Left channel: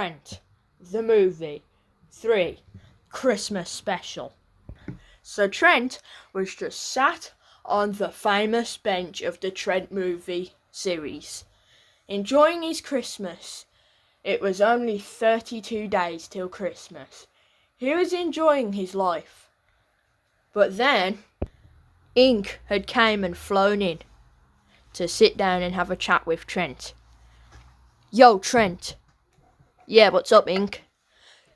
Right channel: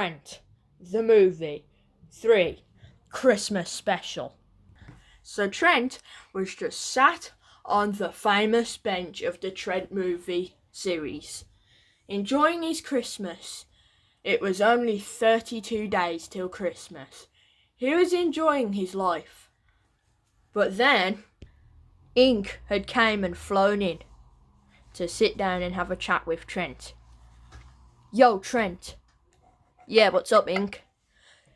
Trent, the movie 3 Christmas special. So Trent was just sat on the famous bench of the Trent Movie series, enjoying his Christmas. It was only 32 days till Christmas. He was enjoying his life. But then, Ink had came and flown in to sit down and have a chat with Trent. Yo, Trent. Yeah, what's up, Ink?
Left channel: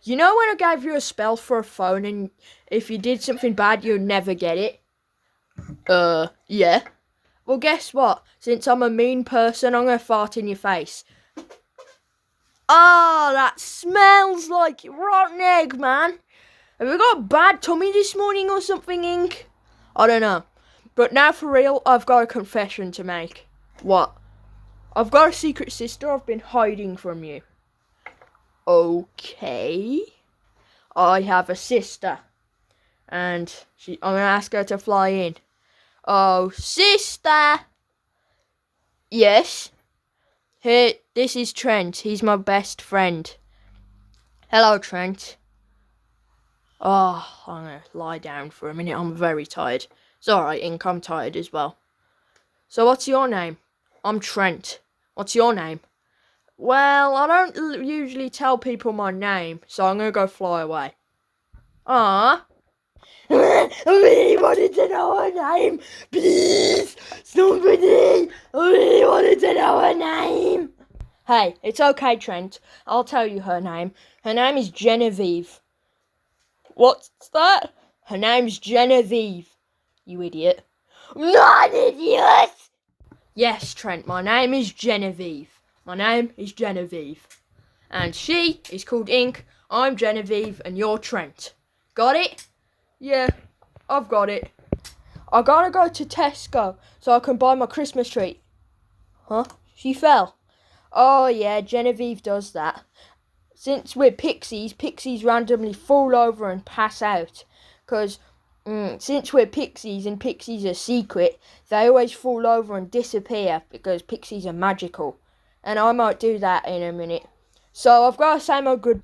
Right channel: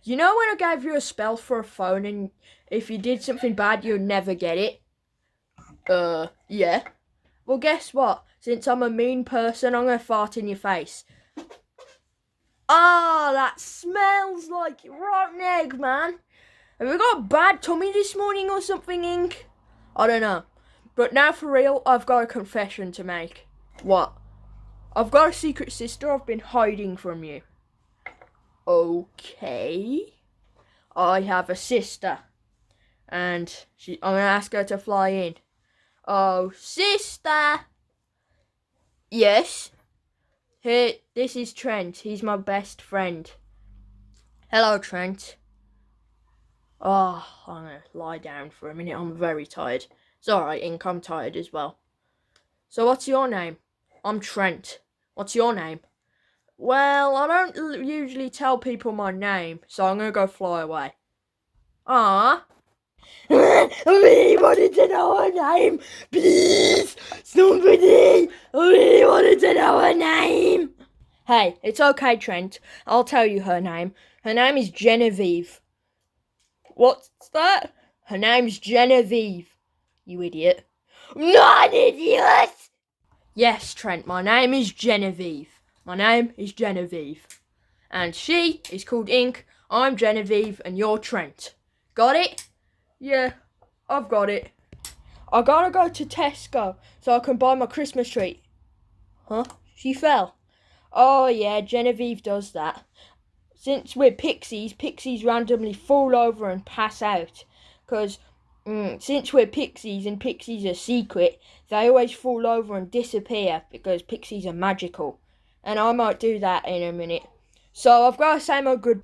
You know when I gave you a spell for a phone and if you did something bad, you'd never get it? Yeah. Well, guess what? Since I'm a mean person, I'm gonna fart in your face. Oh, that smells like rotten egg, man. Have you got a bad tummy this morning or something, Ink? I don't know. But now for real, I've got a confession to make. What? I've got a secret sister I've been hiding from you. Okay. I have a sister. And I'm going to ask her to fly in. Oh, sister! Yes? Here, this is Trent. He's my best friend. Hello, Trent. Oh, I'm going to lie down for a minute. I'm very tired. It's alright, Ink. I'm tired as well. So what's your name? I'm Trent. What's your name? Well, I don't usually tell people my name, so I'm going to go fly away. Ah. I really wanted to know her name. Please, somebody. I really wanted to know her name. Hey, it's okay, Trent. I'll tell you her name. Her name is Genevieve. What's that? Her name's Genevieve. You idiot. I'm not an idiot. Yes, Trent, my name is Genevieve. My name is Genevieve. And she is called Ink. I'm Genevieve and you're Trent. Got it? Yeah, I've got it. I gotta go to Tesco so I can buy my Christmas tree. Huh? She fell. Oh yeah, Genevieve does that. Since we're pixies randomly fall over and pass out. Because since we're pixies and pixies are secret, they always fall over and disappear because pixies are magical. And I might do that in a minute. So I've got to say my good...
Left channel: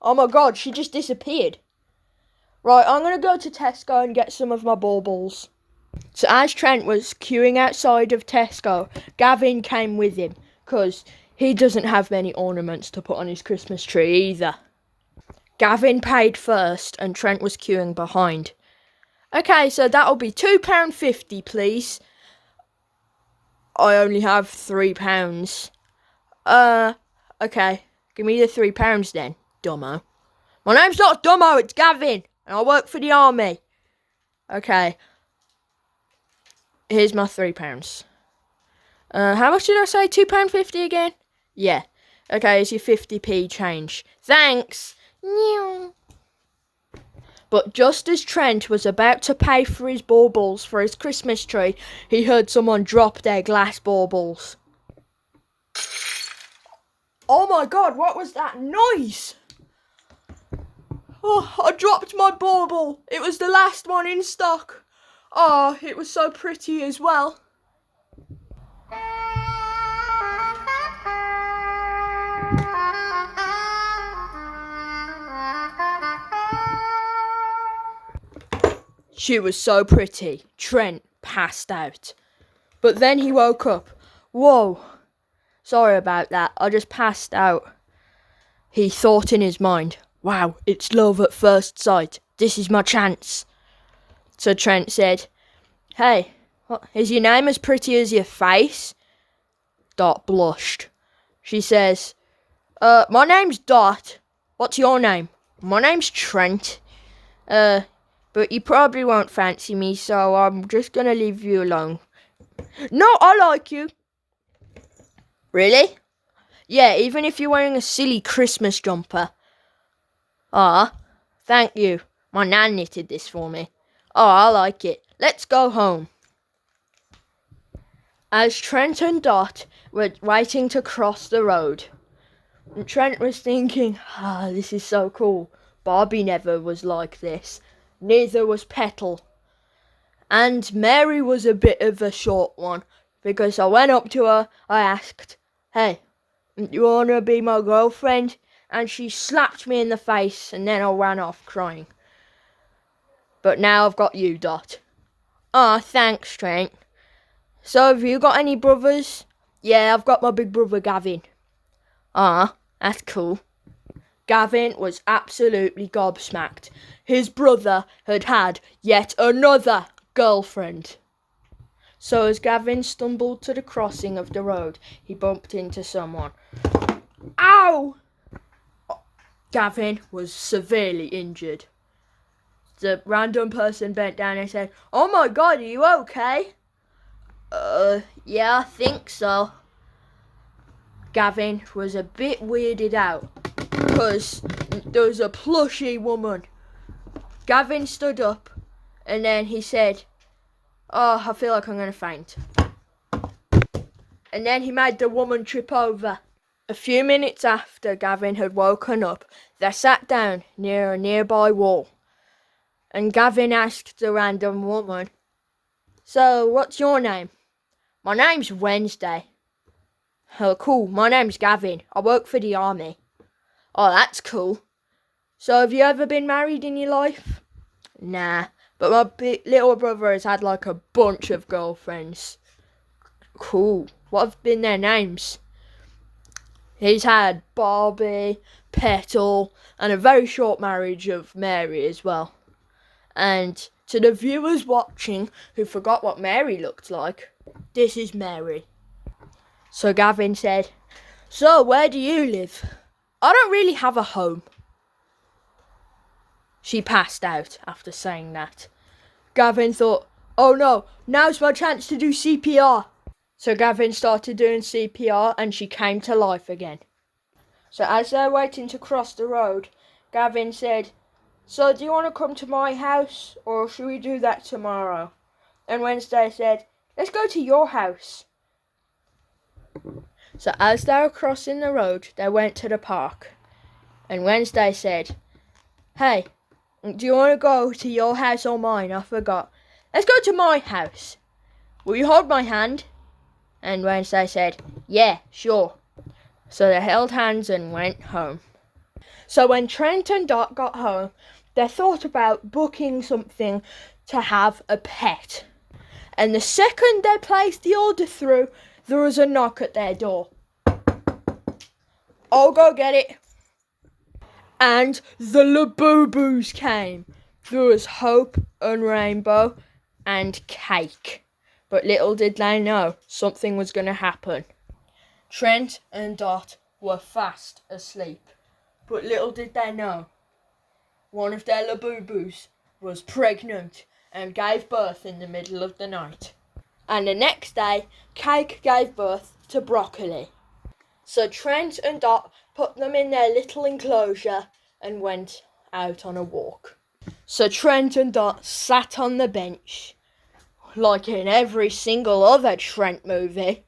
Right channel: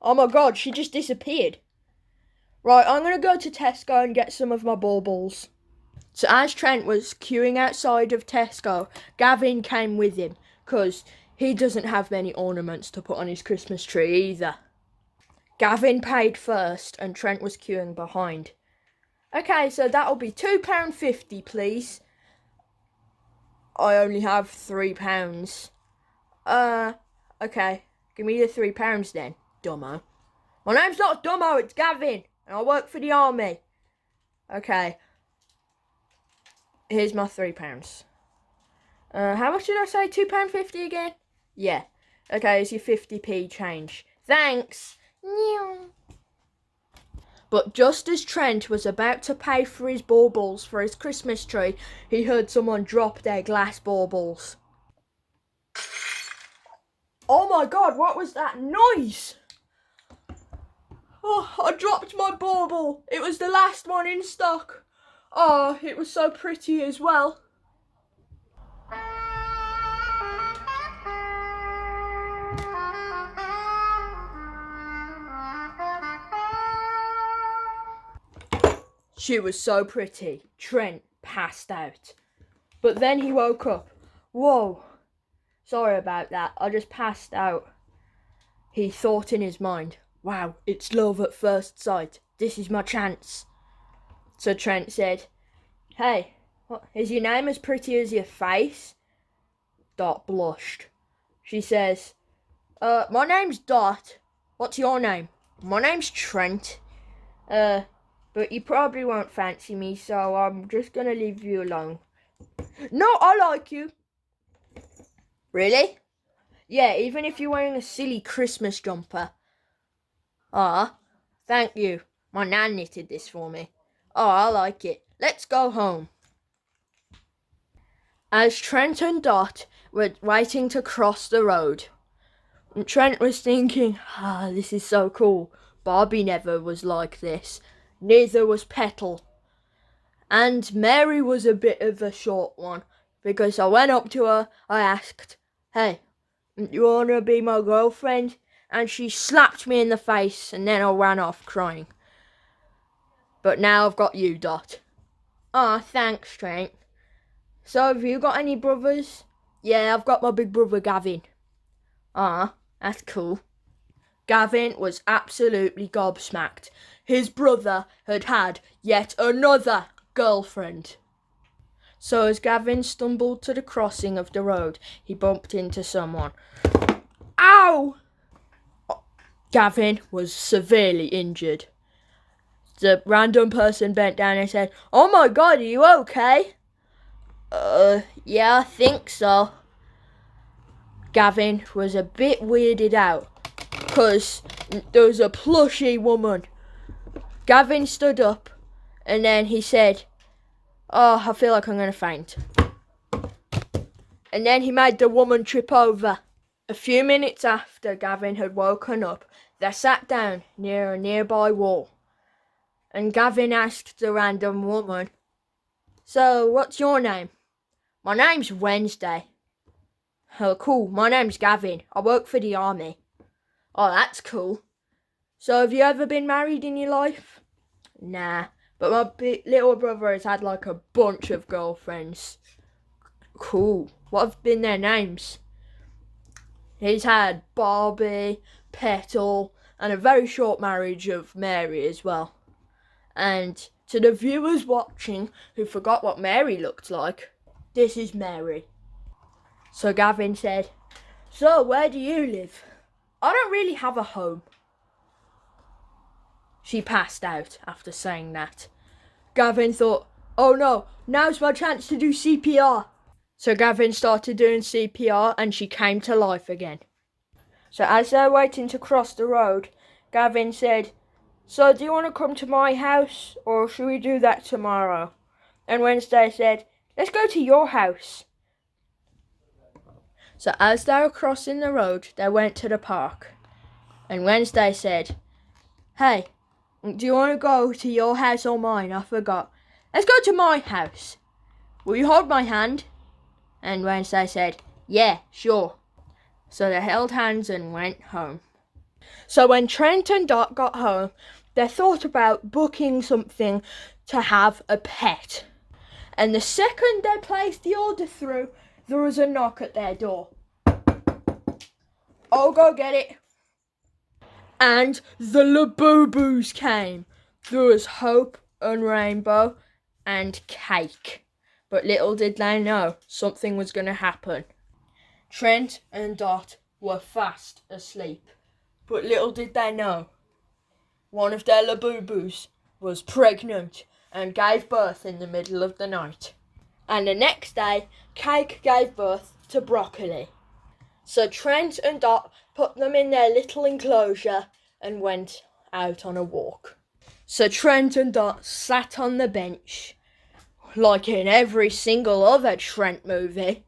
Oh my god, she just disappeared. Right, I'm going to go to Tesco and get some of my baubles. So as Trent was queuing outside of Tesco, Gavin came with him, because he doesn't have many ornaments to put on his Christmas tree either. Gavin paid first and Trent was queuing behind. Okay, so that'll be £2.50, please. I only have £3. Okay, give me the £3 then, dummo. My name's not Dummo, it's Gavin. And I work for the army. Okay. Here's my £3. How much did I say? £2.50 again? Yeah. Okay, here's your 50p change. Thanks. But just as Trent was about to pay for his baubles for his Christmas tree, he heard someone drop their glass baubles. Oh my god, what was that noise? Oh, I dropped my bauble. It was the last one in stock. Oh, it was so pretty as well. She was so pretty. Trent passed out. But then he woke up. Whoa. Sorry about that. I just passed out. He thought in his mind, wow, it's love at first sight. This is my chance. So Trent said, hey, is your name as pretty as your face? Dot blushed. She says, my name's Dot. What's your name? My name's Trent. But you probably won't fancy me, so I'm just gonna leave you alone. No, I like you. Really? Yeah, even if you're wearing a silly Christmas jumper. Ah, thank you. My nan knitted this for me. Oh, I like it. Let's go home. As Trent and Dot were waiting to cross the road, Trent was thinking, this is so cool. Barbie never was like this. Neither was Petal. And Mary was a bit of a short one, because I went up to her, I asked, hey, You wanna be my girlfriend? And she slapped me in the face, and then I ran off crying. But now I've got you, Dot. Ah, thanks, Trent. So have you got any brothers? Yeah, I've got my big brother Gavin. Ah, that's cool. Gavin was absolutely gobsmacked. His brother had yet another girlfriend. So as Gavin stumbled to the crossing of the road, he bumped into someone. Ow! Gavin was severely injured. The random person bent down and said, "Oh my God, are you okay?" Yeah, I think so. Gavin was a bit weirded out because there was a plushy woman. Gavin stood up and then he said, "Oh, I feel like I'm going to faint." And then he made the woman trip over. A few minutes after Gavin had woken up, they sat down near a nearby wall. And Gavin asked the random woman, "So, what's your name?" "My name's Wednesday." "Oh, cool. My name's Gavin. I work for the army." "Oh, that's cool. So, have you ever been married in your life?" "Nah, but my little brother has had like a bunch of girlfriends." "Cool. What have been their names?" "He's had Barbie, Petal, and a very short marriage of Mary as well." And to the viewers watching who forgot what Mary looked like, this is Mary. So Gavin said, "So, where do you live?" "I don't really have a home." She passed out after saying that. Gavin thought, "Oh no, now's my chance to do CPR." So Gavin started doing CPR and she came to life again. So as they're waiting to cross the road, Gavin said, "So do you want to come to my house or should we do that tomorrow?" And Wednesday said, "Let's go to your house." So as they were crossing the road, they went to the park. And Wednesday said, "Hey, do you want to go to your house or mine? I forgot." "Let's go to my house." "Will you hold my hand?" And Wednesday said, "Yeah, sure." So they held hands and went home. So when Trent and Dot got home, they thought about booking something to have a pet. And the second they placed the order through, there was a knock at their door. "I'll go get it." And the Labubu's came. There was Hope and Rainbow and Cake. But little did they know something was going to happen. Trent and Dot were fast asleep. But little did they know, one of their Labubus was pregnant and gave birth in the middle of the night. And the next day, Cake gave birth to Broccoli. So Trent and Dot put them in their little enclosure and went out on a walk. So Trent and Dot sat on the bench, like in every single other Trent movie.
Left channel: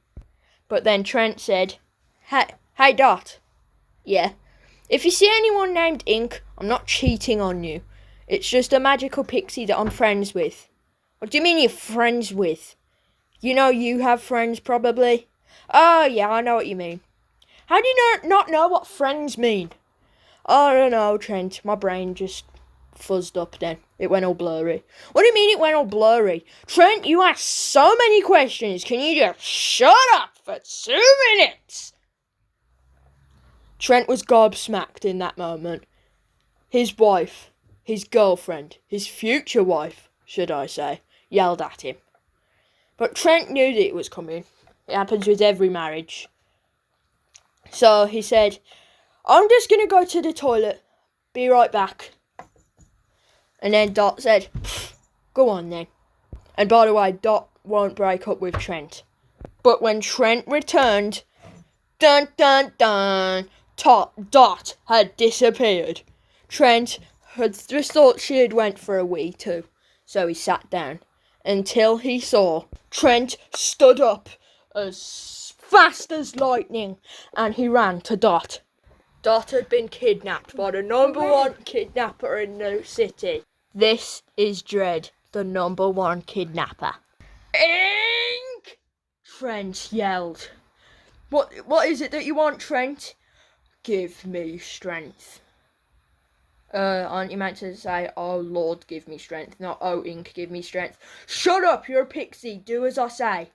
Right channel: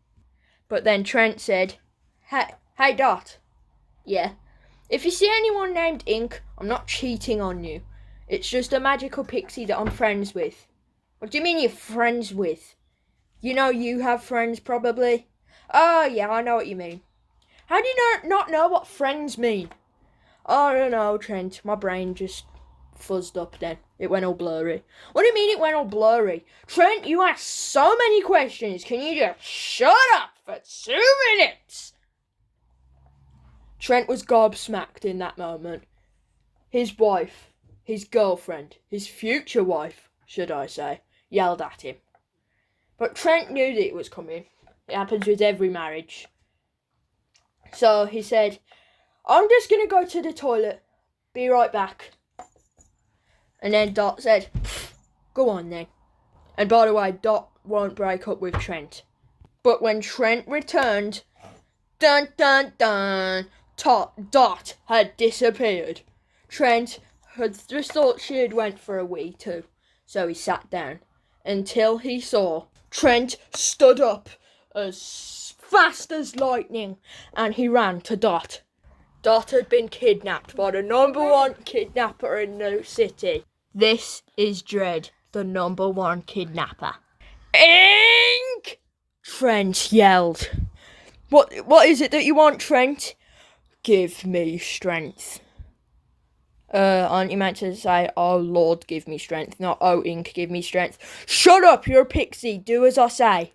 But then Trent said, Hey Dot." "Yeah." "If you see anyone named Ink, I'm not cheating on you. It's just a magical pixie that I'm friends with." "What do you mean you're friends with?" "You know you have friends probably." "Oh yeah, I know what you mean." "How do you not know what friends mean?" "I don't know, Trent. My brain just fuzzed up then. It went all blurry." "What do you mean it went all blurry? Trent, you ask so many questions. Can you just shut up for 2 minutes?" Trent was gobsmacked in that moment. His wife, his girlfriend, his future wife, should I say, yelled at him. But Trent knew that it was coming. It happens with every marriage. So he said, "I'm just going to go to the toilet. Be right back." And then Dot said, "Go on then." And by the way, Dot won't break up with Trent. But when Trent returned, dun dun dun, Dot had disappeared. Trent had just thought she had went for a wee too, so he sat down until he saw Trent stood up as fast as lightning and he ran to Dot. Dot had been kidnapped by the #1 kidnapper in the city. This is Dread, the #1 kidnapper. "Ink!" Trent yelled. What is it that you want, Trent? Give me strength. Aren't you meant to say, oh Lord, give me strength, not oh Ink, give me strength? Shut up, you're a pixie, do as I say.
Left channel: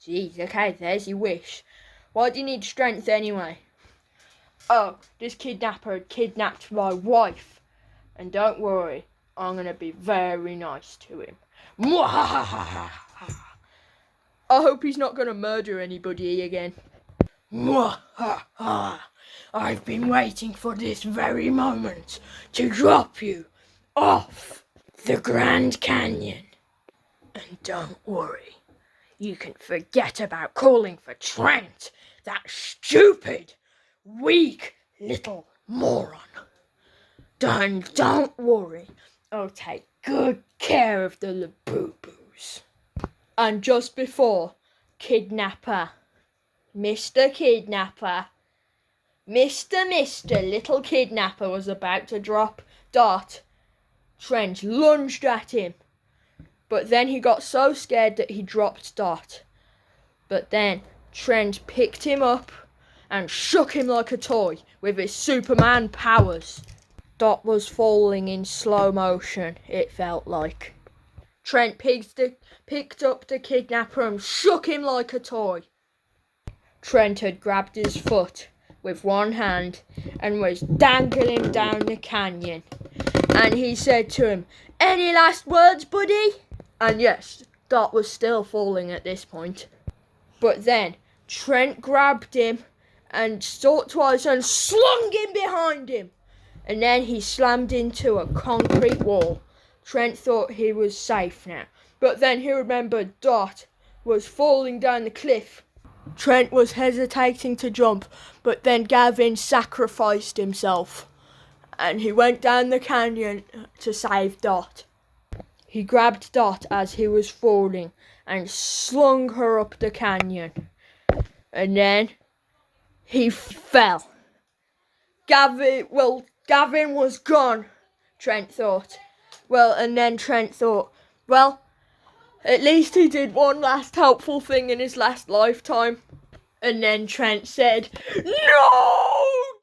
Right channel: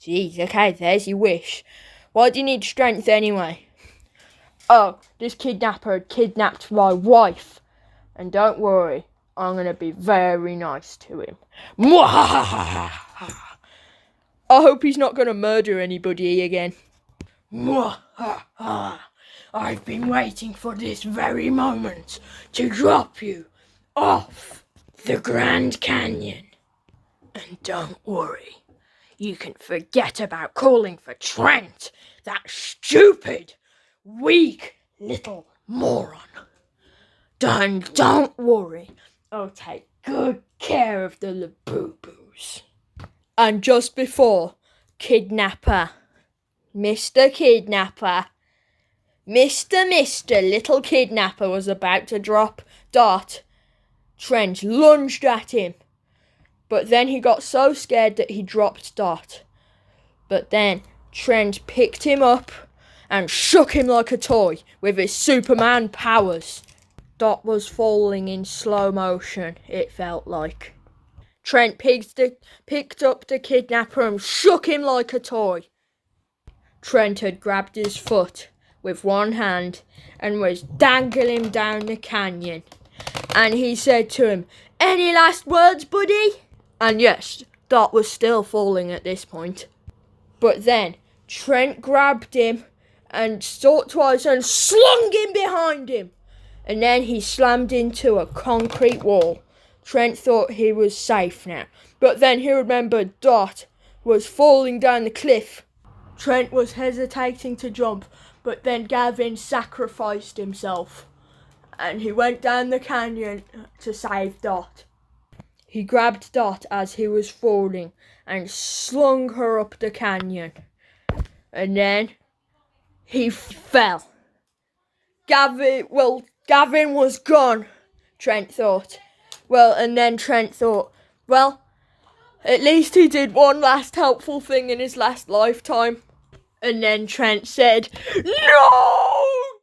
Jeez, okay, there's your wish. Why do you need strength anyway? Oh, this kidnapper had kidnapped my wife. And don't worry, I'm gonna be very nice to him. I hope he's not gonna murder anybody again. I've been waiting for this very moment to drop you off the Grand Canyon. And don't worry, you can forget about calling for Trent, that stupid, weak little moron. Don't worry, I'll take good care of the Labubu's. And just before Kidnapper, Mr. Little Kidnapper was about to drop Dot, Trent lunged at him. But then he got so scared that he dropped Dot. But then Trent picked him up and shook him like a toy with his Superman powers. Dot was falling in slow motion, it felt like. Trent picked up the kidnapper and shook him like a toy. Trent had grabbed his foot with one hand and was dangling him down the canyon. And he said to him, "Any last words, buddy?" And yes, Dot was still falling at this point. But then Trent grabbed him and thought twice and slung him behind him. And then he slammed into a concrete wall. Trent thought he was safe now. But then he remembered Dot was falling down the cliff. Trent was hesitating to jump, but then Gavin sacrificed himself. And he went down the canyon to save Dot. He grabbed Dot as he was falling and slung her up the canyon. And then he fell. Gavin was gone, Trent thought. And then Trent thought, at least he did one last helpful thing in his last lifetime. And then Trent said, "No,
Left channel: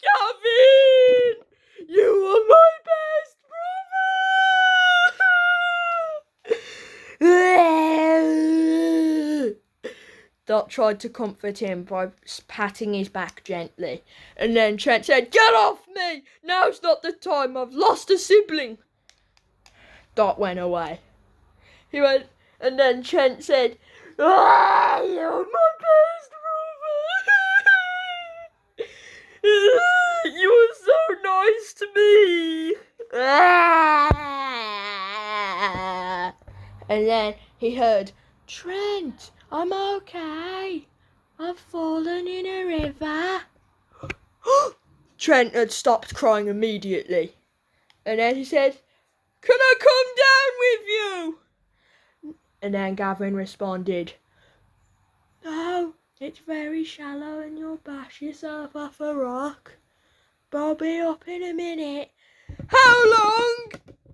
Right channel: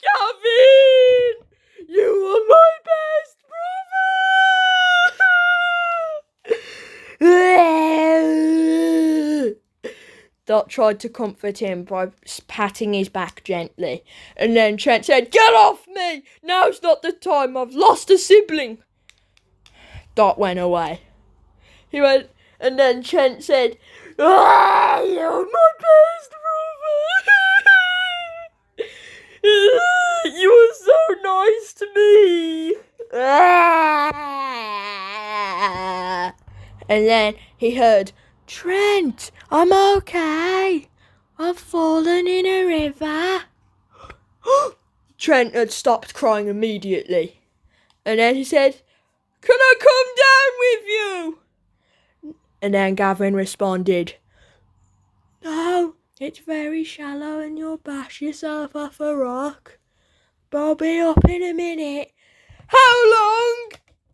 Gavin! You are my best brother!" Dot tried to comfort him by patting his back gently. And then Trent said, "Get off me! Now's not the time. I've lost a sibling." Dot went away. He went, and then Trent said, "You're my best brother! You were so nice to me!" And then he heard, "Trent, I'm okay. I've fallen in a river." Trent had stopped crying immediately. And then he said, "Can I come down with you?" And then Gavin responded, "No, it's very shallow and you'll bash yourself off a rock. But I'll be up in a minute." "How long?"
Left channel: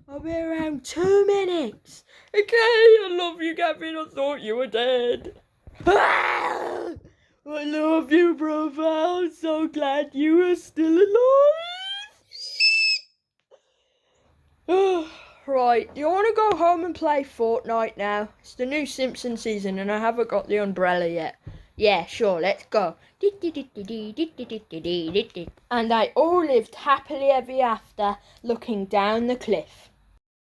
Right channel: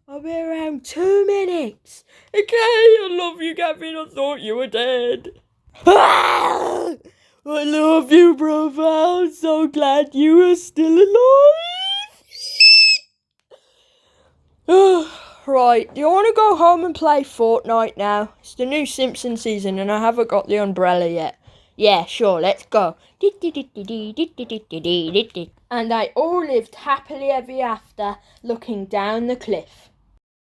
"I'll be around 2 minutes. "Okay, I love you, Gavin. I thought you were dead." "I love you, brother. I'm so glad you are still alive." Right, do you want to go home and play Fortnite now? It's the new Simpsons season and I haven't got the umbrella yet. Yeah, sure, let's go. And they all lived happily ever after, looking down the cliff.